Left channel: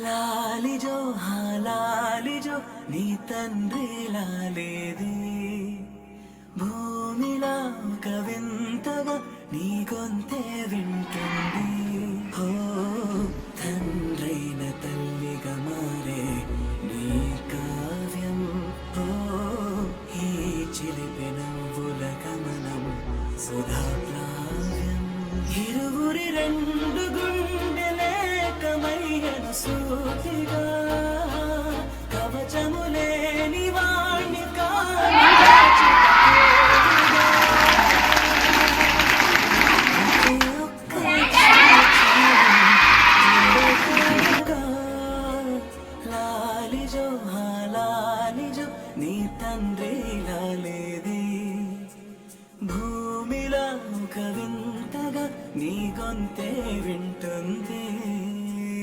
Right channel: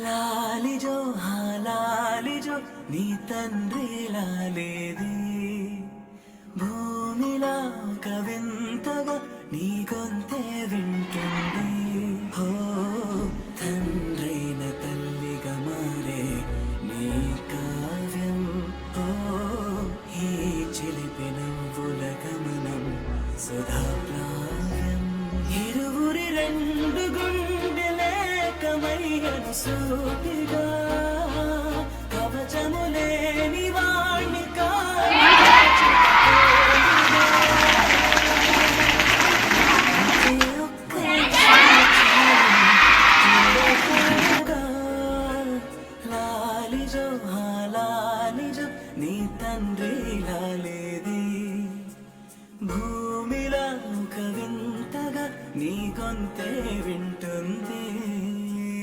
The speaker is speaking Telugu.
లాలిజో లాలిజో నీ తండ్రి లాలేది భూమిలా ఒక వింతగా నీ గొంతే వింటుంది. హో తండ్రైన తల్లిగా మారే నీ కావ్యం. హో ఈ చిలిపి నవ్వుల గమనం సుధా ప్లావ్యం. ఇరువురి రెండు గుండెలేకమయ్యను సూటిగా కవచములేని వాణ్ణి లాలిజో లాలిజో నీ తండ్రి లాలేది భూమిలా ఒక వింతగా నీ గొంతే వింటుంది.